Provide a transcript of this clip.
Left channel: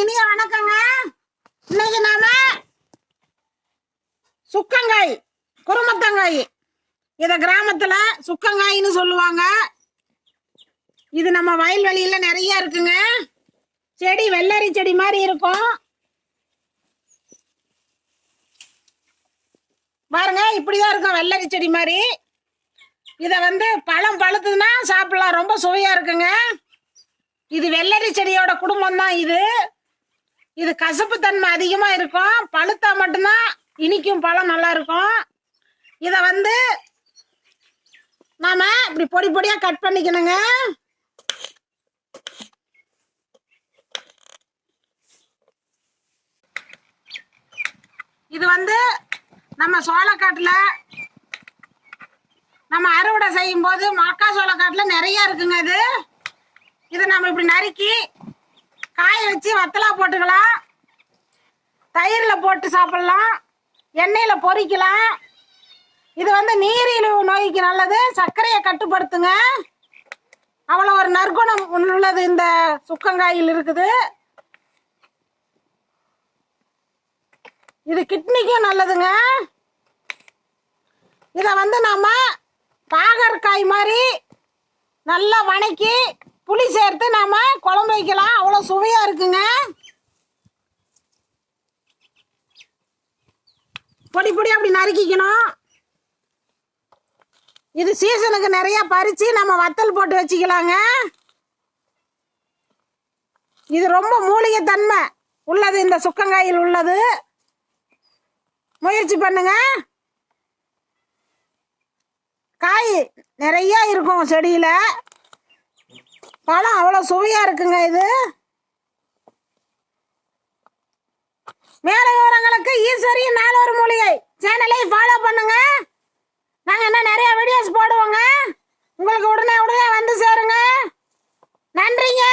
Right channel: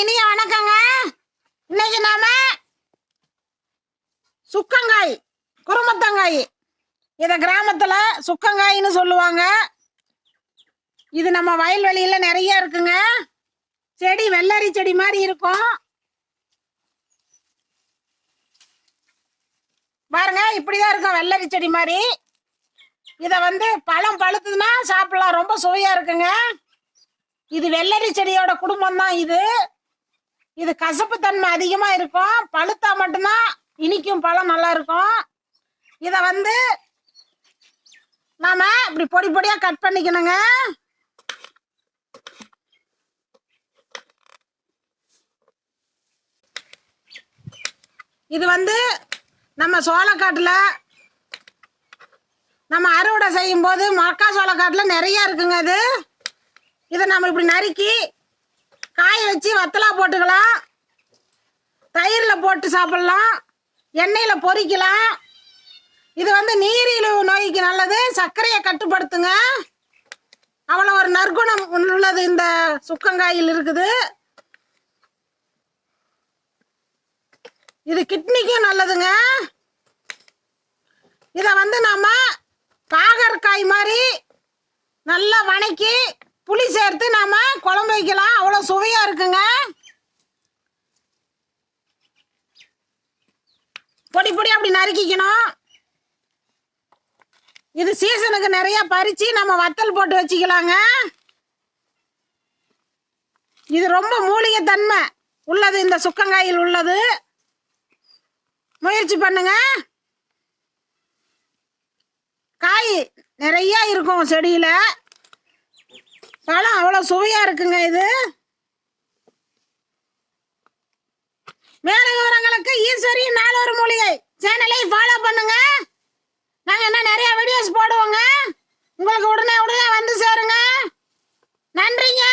இனிய வணக்கங்க. இன்னைக்கு நாம சுக்கங்காய், குருமத்தங்காய், இத கிராமத்துல சுக்கங்காய்னு சொல்லுவாங்க. இது நம்ம வயல்வெளியில நிறைய இருக்குங்க. செடி வெள்ளரி செடி மாதிரி இருக்கும் பாருங்க. இப்படிதான் இருக்கும் வெள்ளரி செடி மாதிரி. இத பழம் பழுத்துதுன்னா சாப்பிடலாம், ரொம்ப சுவையா இருக்குங்க. இது வெள்ளரி செடியோட குடும்பம் தான். இது கசப்பு தன்மை அதிகமா இருக்கும். பழுத்தா மட்டும்தான் இனிக்கும், பழம் நல்லா இருக்கும். இத நாம இப்படி பொடி பொடியா கட் பண்ணிக்கணுங்க. இது நம்ம சோளக்காட்டுல நம்ம அறுவடை செய்யும் போது மக்கா சோளக்காட்டுல நிறைய இருக்குங்க. இதை நம்ம இப்படி நறுக்கி காய வச்சு வத்தலா போட்டுக்கலாம், தயிர்ல போட்டு சாப்பிடலாம், எண்ணெயில பொரிக்கலாம். இது நீரிழிவு நோய்க்கு நல்லது, சர்க்கரையை கட்டுப்படுத்துங்க. அவ்வளோ ஒரு நற்குணம் உள்ளது இந்த சுக்கங்காயில் இருக்குது. இது கிட்னிக்கும் நல்லதுங்க. இதை நாம பாகற்காய் மாதிரி நல்லா வணக்கி புளி சேர்த்து நாம குழம்பு வைக்கலாம், அவ்வளோ சுவையா இருக்குங்க. பொடி பொடி அப்படி நறுக்கிக்கணும். இது சீசனுக்கு நிறைய பறிச்சு நம்ம வத்தல் போட்டு வச்சுக்கலாங்க. இது ரொம்ப மூலிகை தன்மை உள்ளது இந்த சுக்கங்காயில் உள்ளது. முயற்சி பண்ணுங்க. காய் நிறைய இருக்கும் செடியில, பழம் அவ்வளோ சுவையா இருக்குங்க. இது மேலும் விவரங்களுக்கு ஈஸ்வரி நாளொரு மூலிகை சேனலை ஃபாலோ பண்ணுங்க. நாங்கள் இன்னும் நிறைய வீடியோஸ் போடுவோங்க, உங்களுக்கு உடனே வந்து சேருங்க. நன்றிங்க.